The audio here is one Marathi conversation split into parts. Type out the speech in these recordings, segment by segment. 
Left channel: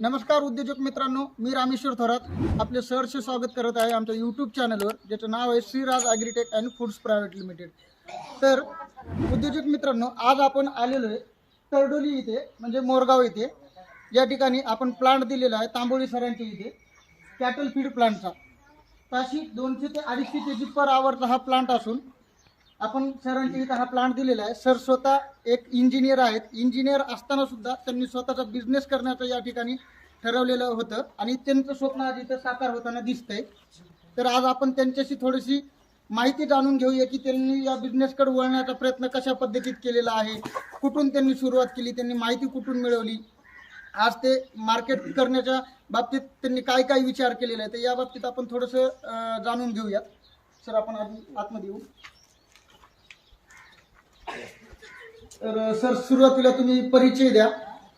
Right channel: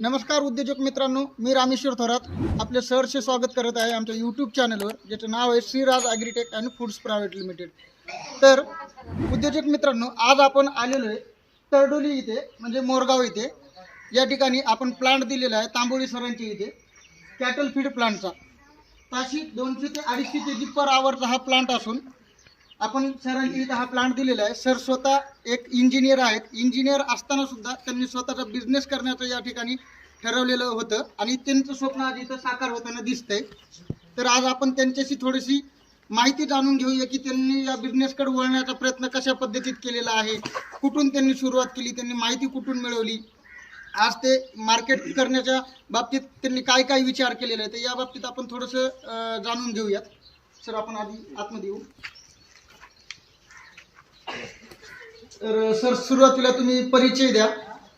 नमस्कार उद्योजक मित्रांनो, मी रामेश्वर थोरात आपले सहर्ष स्वागत करत आहे आमच्या यूट्यूब चॅनलवर, ज्याचं नाव आहे Shriraj agritech and foods private limited. तर उद्योजक मित्रांनो, आज आपण आलेलो आहे तरडोली इथे, म्हणजे मोरगाव इथे. या ठिकाणी आपण प्लांट दिलेला आहे तांबोळी सरांची इथे, कॅटल फीड प्लांटचा. ताशी 200 ते 250 केजी पर आवरचा हा प्लांट असून आपण सरांच्या इथं हा प्लांट दिलेला आहे. सर स्वतः एक इंजिनियर आहेत. इंजिनियर असताना सुद्धा त्यांनी स्वतःचा बिझनेस करण्याचं या ठिकाणी ठरवलेलं होतं आणि त्यांचं स्वप्न आज इथं साकार होताना दिसतंय. तर आज आपण त्यांच्याशी थोडीशी माहिती जाणून घेऊया की त्यांनी या बिझनेसकडे वळण्याचा प्रयत्न कशा पद्धतीत केलेला आहे, कुठून त्यांनी सुरुवात केली, त्यांनी माहिती कुठून मिळवली, आज ते मार्केट करण्याच्या बाबतीत त्यांनी काय काय विचार केलेला आहे. तर या बाबतीत आपण थोडंसं जाणून घेऊयात. सर आपण आधी आतमध्ये येऊ. तर सर सुरुवातीला तुम्ही परिचय द्या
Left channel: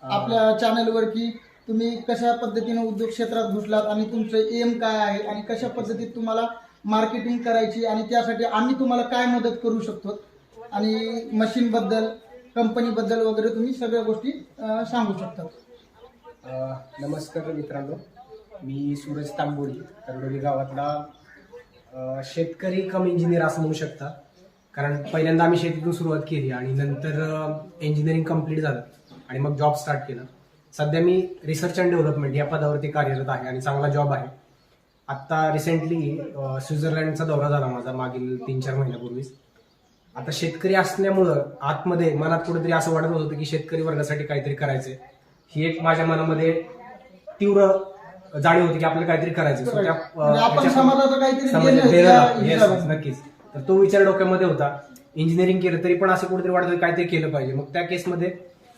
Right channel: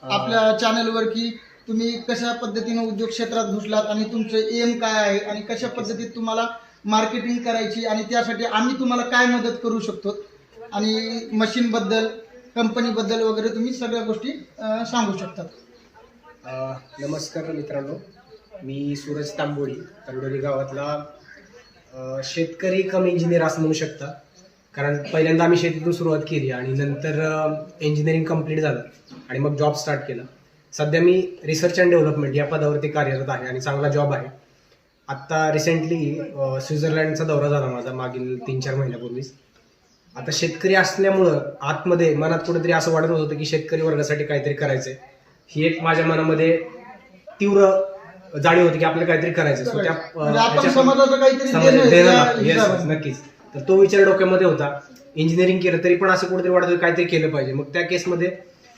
आपल्या चॅनलवर की तुम्ही कशा पद्धतीने उद्योग क्षेत्रात घुसलात आणि तुमचं एम काय आहे आणि कशा पद्धतीत तुम्हाला मार्केटिंग करायची आणि त्यासाठी आम्ही तुम्हाला काय मदत करू शकतो आणि मशीनबद्दल, कंपनीबद्दल वगैरे तुम्ही सगळ्या गोष्टी सांगू शकता. नमस्कार मित्रांनो, मी सूरज तांबोळी, तरडोली गावातला शेतकरी कम इंजिनियर असं म्हणू शकता. कारण पहिल्यांदा आम्ही शेतीतून सुरुवात केली आणि नंतर इंजिनिअरिंग कंप्लीट झालं आणि मग जॉब स्टार्ट केला. सध्या मी रिसर्च अँड डेव्हलपमेंट या पदावरती कार्यरत आहे आणि चांगला जॉब आहे. आत्ता रिसेंटली स्वित्झर्लंडचा दौरा झाला माझा मागील 3-4 महिन्यापूर्वीच. आता शेतकरी असल्यामुळं आतमध्ये मनात कुठेतरी असं वाटत होतं की शेतकरी वर्गासाठी काहीतरी करायचंय. ही एक माझ्या मनामध्ये तीव्र जाणीव होती की आपल्याला काहीतरी करायचं. नक्कीच. तर तो विचार डोक्यामध्ये होता. इंजिनिअरिंग केलं तरी पण असं कुठेतरी वाटत काहीतरी केलं पाहिजे. मग त्या केसमध्ये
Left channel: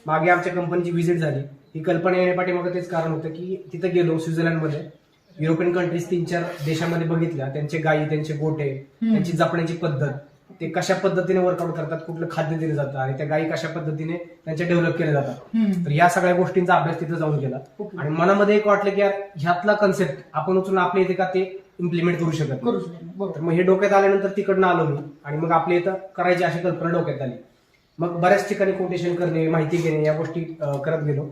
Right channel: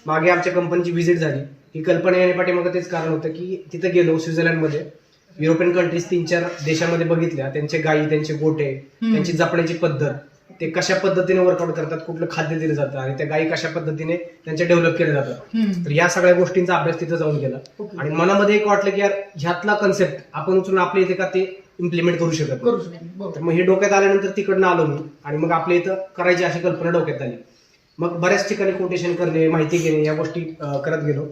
मागे आमच्या कंपनीची व्हिजिट झाली. ही कल्पना येण्यापाठी मग तेच कारण होतं की तिथे गेलो स्वित्झर्लंडमध्ये, युरोपियन कंट्रीज 3-4 देशामध्ये बघितल्या. त्यांचे गायी, त्यांचे गोटे, त्यांची जपण्याची पद्धत, ते कशा पद्धतीने वर्कआउट करतात, कुठलं खाद्य दिलं जातं आणि त्या गायी कशा पद्धतीने त्यांचे डेव्हलप केले जातात. तर या सगळ्या गोष्टींचा अभ्यास तिथे जाऊन केला आणि मनामध्ये एक वाटलं की यार ह्यातला कन्सेप्ट आपण उचलून आपल्या इथे का ते इम्प्लिमेंट करू शकत. तर मग हे डोक्यात आल्यानंतर तिकडनं आलो मी आणि मग आपल्या इथं करायची अशी कल्पना डोक्यात आली. मग बऱ्याच ठिकाणी कोटेशन करणे, माहिती घेणे, या गोष्टी करत गेलो.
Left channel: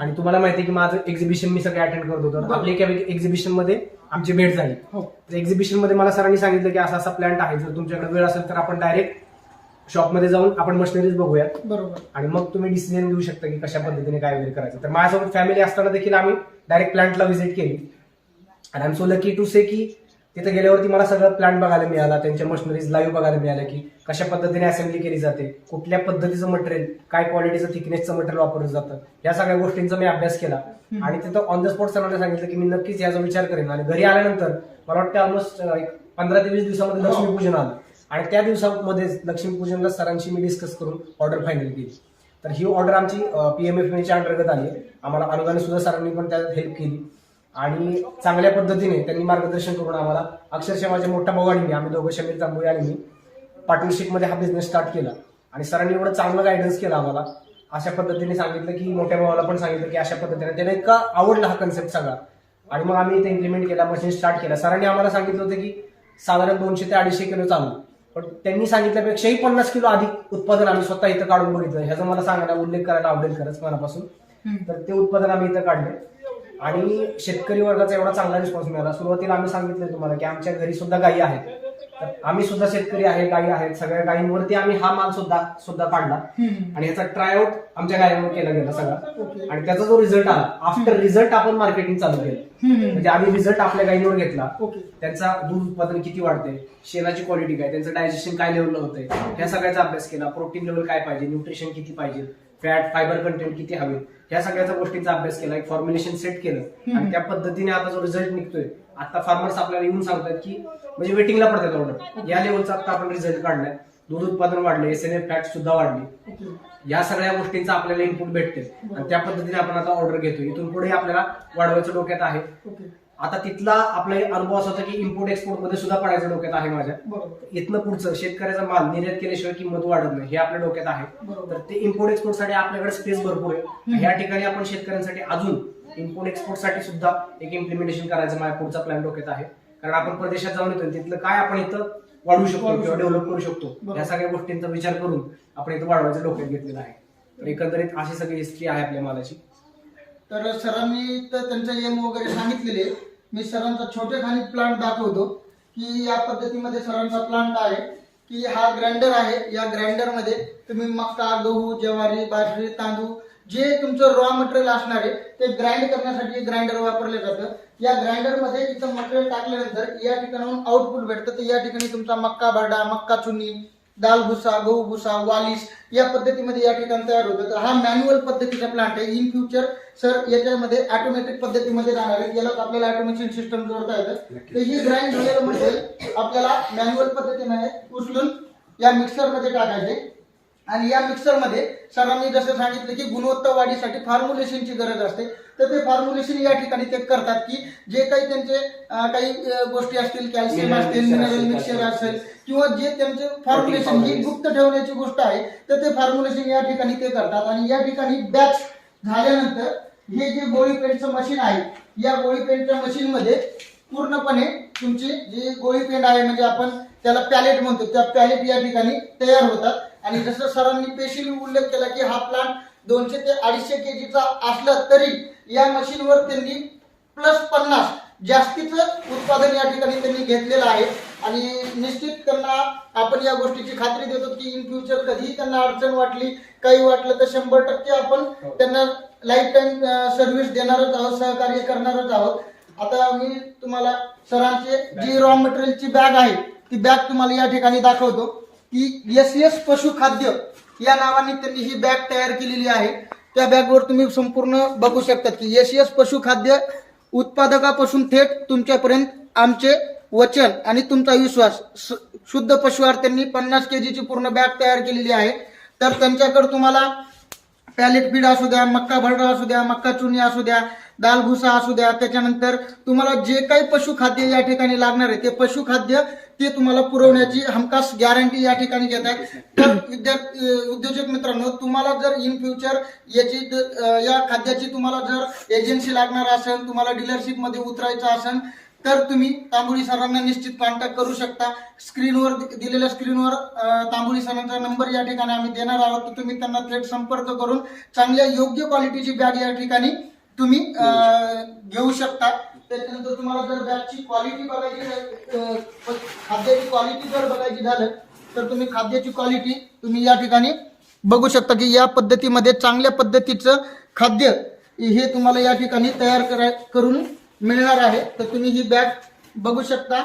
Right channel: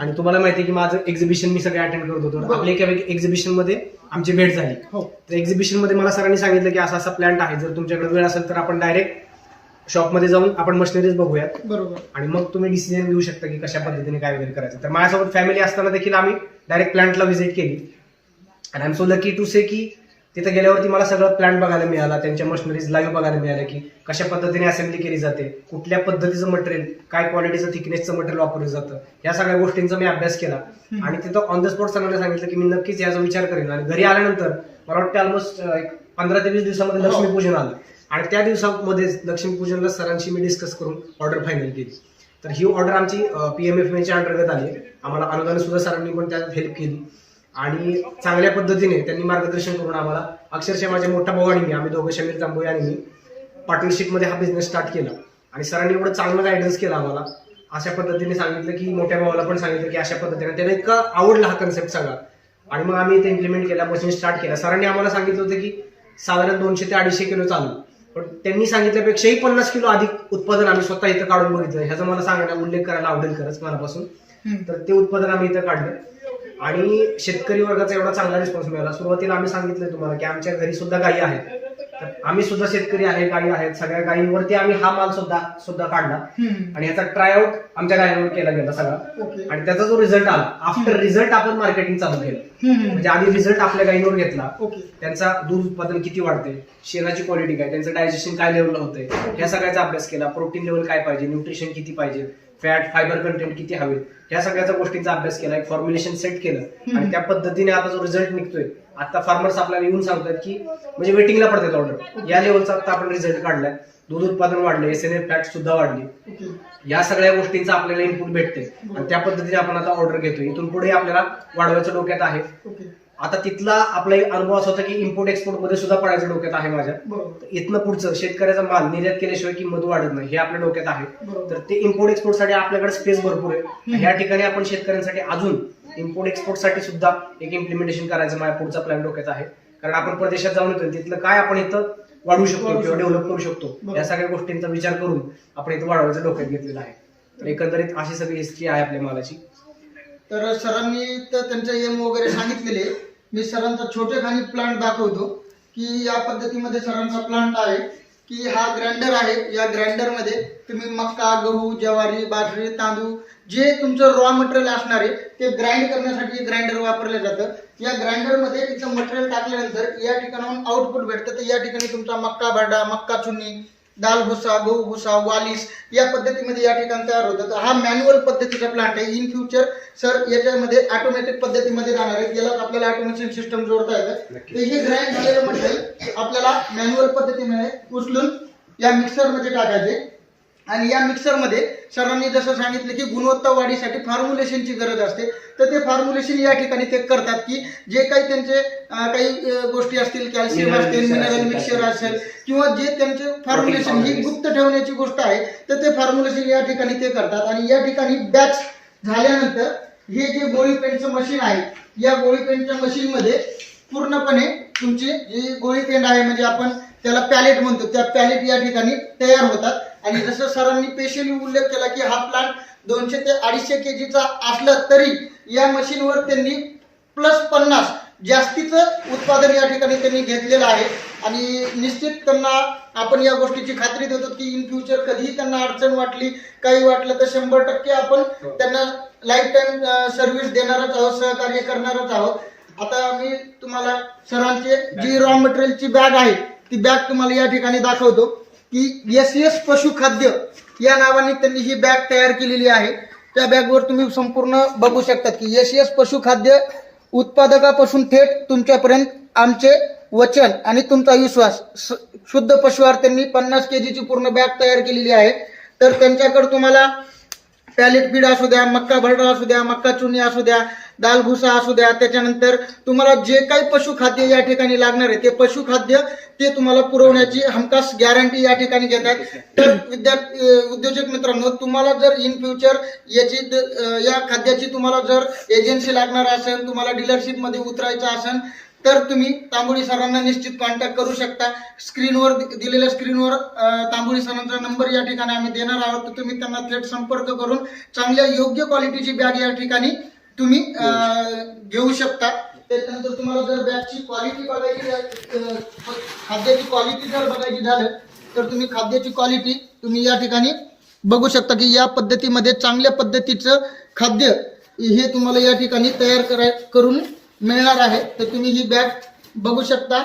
आणि तुम्हाला माहिती आहे की माझं एक्झिबिशन मी सगळे अटेंड करत होतो. आपल्या एका एक्झिबिशन मध्ये आमची भेट झाली. तर एक्झिबिशन मध्ये मला सरांनी सांगितलं की असा असा प्लांट आहे, जर तुमच्याकडे वेळ असेल तर आपण डायरेक्ट शॉपमध्ये जाऊन आपण मशिनरीज बघूया आणि मग तुम्ही डिसिजन घेऊ शकता की कशा पद्धतीने काय वगैरे करायचं. तर माझ्यासोबत फॅमिली असताना देखील आम्ही डायरेक्ट प्लांटला व्हिजिट केली आणि I am so lucky to say की तिथे गेल्यावरती मला सगळं प्लांट बघायला मिळाला, त्यांच्या मशिनरीज लाईव्ह बघायला मिळाल्या की कशा पद्धतीने असेंब्ली केली जाते, कुठल्या पद्धतीचं मटेरियल, काय क्वालिटीचं थिकनेसचं मटेरियल वापरलं जातं, या सगळ्या गोष्टींचा मी अभ्यास केला. आणि तिथं ऑन द स्पॉट सरांना सांगितलं की मी नक्कीच याचा विचार करेन. आणि घरी आल्यानंतर मला वाटतं ऑलमोस्ट 15 ते 20 दिवसामध्ये लक्ष्मीपूजन आलं आणि त्या दिवसामध्ये लक्ष्मीपूजनला सरांशी मी डिस्कस करून ऑर्डर फायनल केली. तर ही ऑर्डर आमची PMFMEच्या अंतर्गत आली. आम्हाला अनुदान सुद्धा सरांनी पण त्यात हेल्प केली आणि चांगल्या पद्धतीने त्यांनी मार्गदर्शन करून आम्हाला, अक्षरशः माझ्या मोठा भाऊ आणि मी, आम्ही दोघं शमीर तांबोळी आणि मी पार्टनरशिपमध्ये हा बिझनेस स्टार्ट केला. आणि सरांनी एवढं चांगलं गायडन्स केलं आम्हाला, अशा पद्धतीने सांगितलं की मोठ्या भावाला पण सांगितलं की अशा पद्धतीने, त्याला इतका आवडला हा कन्सेप्ट सगळा आणि मग आम्ही ते इम्प्लिमेंट केला, मशीन स्टार्ट केला. सरांनी आम्हाला सांगितलं होतं की साधारण 200 ते 250 किलो चालू, पण त्यांनी सांगितल्यापेक्षाही 50 किलो अधिक उत्पादन आम्ही स्वतः इथं काढून बघितलं. ह्याचा मला सांगण्याचा उल्लेख करायला आवडेल खरंच मनापासून. तर ते उत्पादन आम्ही इथं काढलं आणि शेतकरी वर्गाचा एवढा चांगला रिस्पॉन्स मिळाला. सुरुवातीला आम्ही सांगितलं तुम्हाला की आमच्या घरी सुद्धा गायी आहेत, तर आम्ही सुद्धा शेतकरी आहे, गायी आहेत, सगळ्या गायींवरती आम्ही हा माल सुद्धा काढला आणि ह्याचा ट्रायआउट आमच्या गायीवर केला गेला सगळा. आणि त्याचा जो रिझल्ट आला, आफ्टर रिझल्ट आपण मार्केटिंग चालू केलं. म्हणजे आधी रिझल्ट आपल्या गायींवर घेतला, त्यांचा दूध उत्पादन किती वाढते, शेणाची क्वालिटी काय, त्यांचं डायजेशन काय लेवलला होतंय, ह्या सगळ्याचा अभ्यास केला. प्रोटीन लेवल काय पाहिजे, न्यूट्रिशन किती पाहिजे, फॅट फायबर कंटेंट किती हवे, ह्या सगळ्या गोष्टींचा अभ्यास केला, एक फॉर्म्युलेशन सेट केलं आणि त्या पद्धतीने आता जो रिझल्ट निघतोय, आता फार्मर्स आपल्याला येऊन सांगतात की म्हणजे वेटिंगला पडतात ऑर्डर, या लेवलचा आता आपण रिझल्ट काढलाय. दूध उत्पादन वाढले, SNF फॅट सुद्धा वाढली, या सगळ्या गोष्टींचा आपल्याला इनपुट भेटते आणि त्या पद्धतीने आपण आता ऑर्डर घेतोय. इथून पुढे आपल्याला वाढवायचं डोक्यात आहे. आता तिथला आपला अनुभव असा होता की इम्पोर्ट एक्सपोर्ट मध्ये सुद्धा पडायचं डोक्यात आहे माझ्या. इथनं पुढचं शेतकऱ्याचा माल निर्यात केल्याशिवाय किंमत वाढत नाही, हे आपल्या डोक्यात आहे. तर ते इम्पोर्ट एक्सपोर्ट साठी आपल्याकडे स्पेस भरपूर आहे. ह्या ठिकाणी आपण शेतकऱ्यांसाठी अजून इम्पोर्ट एक्सपोर्ट साठी सुद्धा एक इम्प्लिमेंटेशन करायचं माझ्या पुढचा प्लॅन डोक्यात आहे. कारण आपण परदेशात जाऊन येतो, तिथलं काय आपण इथं वाढवू शकतो किंवा डेव्हलप करू शकतो, या सगळ्या गोष्टींचा विचार करून आपण इथं वाढवायचं डोक्यात घेतलेलं आहे. तर एकंदरीत अशी सगळी हिस्ट्री आहे आपल्या मालाची. तर सरांनी तर त्यांचं एम वगैरे सांगितलेले. मी सरांचा छोटेखानी प्लांट दाखवतो की या पद्धतीमध्ये सरांचा प्लांट आहे की हा ग्राइंडर आहे. या ग्राइंडरमध्ये तुम्ही मक्का, गहू, ज्वारी, बाजरी, तांदूळ जे तुमचं रॉ मटेरियल असणार आहे ते ग्राइंड करण्यासाठी ग्राइंडर वापरलं जातं. या ग्राइंडरमध्ये इथं मटेरियल टाकल्यानंतर या ठिकाणाहून आउटपुट भेटतं. तर या ठिकाणी तुमचा मक्का भरडा, मक्का चुन्नी, दाल भुसा, गहू भुसा, वालीस या पद्धतीमध्ये या ठिकाणी तयार होतं. तर हा मॅन्युअल पद्धतीचा प्लांट आहे. इन फ्युचर सर याच्यामध्ये ऑटोमॅटिक पद्धतीमध्ये जाणार आहे. यालाच आपल्याला ऑटोमेशन सिस्टम जोडता येतं. तर हे ग्राइंड झालेलं मटेरियल आपल्याला मॅन्युअल पद्धतीने उचलून या मिक्सरमध्ये टाकायचे. आणि या मिक्सरमध्ये सरांनी जसं सांगितलं की गुणवत्ता वाढीसाठी फॉर्म्युलेशनची गरज असते. तर ते फॉर्म्युलेशन या ठिकाणी ते करतात की जे काही त्यांचे काही गोष्टी असतील, कॅल्शियम असतील, मिनरल मिक्सचर असेल किंवा जे त्यांचे फॉर्म्युलेशन ही गुप्त ठेवण्याची गोष्ट आहे तर ते फॉर्म्युलेशन या ठिकाणी ते करतात. आणि या ठिकाणी बॅच झाल्यानंतर हे जे गोळी पेंटचं मशीन आहे या गोळी पेंटच्या मशीनमध्ये पूर्णपणे तुमची जी गोळी पेंट आहे म्हणजे आपण त्याला पॅलेट म्हणतो, त्या पॅलेट या ठिकाणी तयार होतात. आणि जसं सरांनी स्पेशली उल्लेख केला की हा प्लांट 200 ते 250 केजीचा असला तरी या मशीनवर त्यांनी +50 जास्तीचं उत्पादन या ठिकाणी त्यांनी घेतलेलं आहे. आणि निश्चित त्यांना आपण या गोष्टीची खात्री देतो की इन फ्युचर कधीही त्यांना अडचण वाटली, काही वाटलं तर 100% आपण त्यांना लाईफ टाईम सर्व्हिस देणारच आहोत, सहकार्य करणारच आहोत. आता मी तुम्हाला सरांचे जी रॉ मटेरियलची बॅग आहे ती बॅग तुम्हाला या ठिकाणी दाखवतो की SS पशुखाद्य या नावाने त्यांनी ही बॅग तयार केलेली आहे. त्या बॅगवर तुम्ही संपूर्ण बघू शकता की SS पशुखाद्य उत्पादकापासून थेट तुमच्यापर्यंत आमचे वचन आणि तुमचा विश्वास. शुद्ध पशुआहार त्यांनी 50 केजीची पूर्ण बॅग तयार केलेली आहे. तर त्यांच्याकडे तुम्हाला पॅलेट फीड असू द्या, मक्का भरडा असू द्या, मक्का चुनी असू द्या, दाल भुसा असू द्या, त्याच्यानंतर तुम्हाला जे काही पशुखाद्य या ठिकाणी लागणार आहे ते पशुखाद्य ते तुम्हाला पुरवण्याची हमखास गॅरंटी या ठिकाणी घेतात. तर उद्योजक मित्रांनो, तुम्हाला जर इन फ्युचर या खाद्याची तुम्हाला जर एजन्सी लागणार असेल, तुम्हाला डीलरशिप मध्ये उतरायचं असेल तर तुम्ही तांबोळी सरांना निश्चित कॉन्टॅक्ट करू शकता. स्क्रीनवर दिलेल्या स्क्रीनवर तांबोळी सरांचा नंबर या ठिकाणी आम्ही देणार आहोत. तर तुम्ही त्यांना थेट संपर्क करून चांगल्या योग्य क्वालिटीची बॅग या ठिकाणी तुम्ही घेऊ शकता. त्याच्यानंतर तुम्हाला जर बॅगची क्वालिटी बघायची, खाद्याची क्वालिटी जर बघायची झालं तर तुम्ही खाद्याची क्वालिटी तुम्ही या ठिकाणी बघू शकता की या पद्धतीमध्ये चांगल्या पद्धतीचं खाद्य हे तुम्हाला या ठिकाणी तयार करून मिळणार आहे. तर तुम्ही ही बॅग बघू शकता.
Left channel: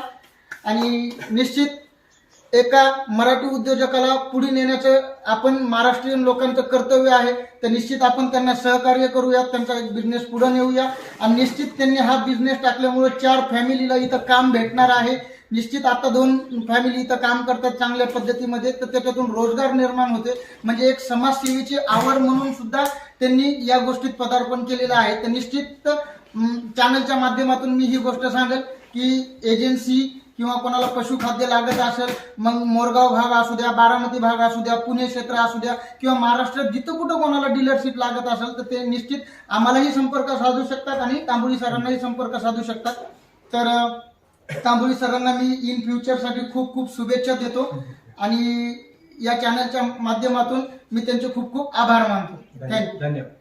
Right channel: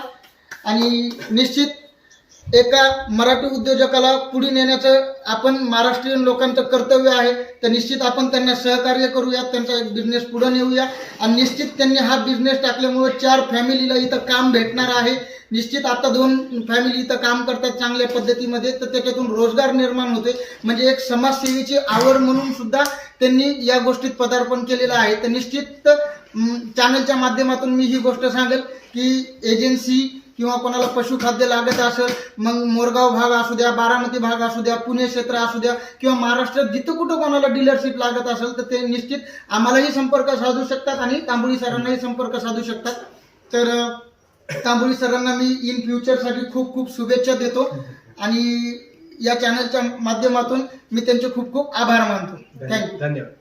आणि निश्चित एका मराठी उद्योजकाला पुढे नेण्याचं आपण महाराष्ट्रीयन लोकांचं कर्तव्य आहे. तर निश्चित आपण त्यांना सहकार्य करूया, त्यांचा एक बिझनेस पुढे नेऊया. आणि निश्चित त्यांनी हा बिझनेस टाकल्यामुळे 4 फॅमिलीला इथं काम भेटणार आहे. निश्चित आता 2 फॅमिली इथं काम करतात चांगल्या पद्धतीमध्ये, तर त्याच्यातून रोजगार निर्माण होते. म्हणजे एक समाजसेवेची आवड म्हणून सुद्धा त्यांनी या गोष्टीत पदार्पण केलेलं आहे. तर निश्चित चॅनलच्या माध्यमातून मी ही गोष्ट सांगेल की एजन्सी किंवा कोणाला पशुखाद्य लागत असेल, मग मोरगाव भाग असू द्या, बारामती भाग असू द्या, पुणे क्षेत्र असू द्या किंवा महाराष्ट्रात जिथं कुठं कोणाला डीलरशिप लागत असेल तर ते निश्चित आम्हालाही संपर्क साधू शकतात आणि तांबोळी सरांनाही संपर्क साधू शकतात. तर तांबोळी सरांना मी इन फ्युचरसाठी खूप खूप शुभेच्छा देतो आणि या चॅनलच्या माध्यमातून मी त्यांचे खूप खूप आभार मानतो. थँक्यू. धन्यवाद.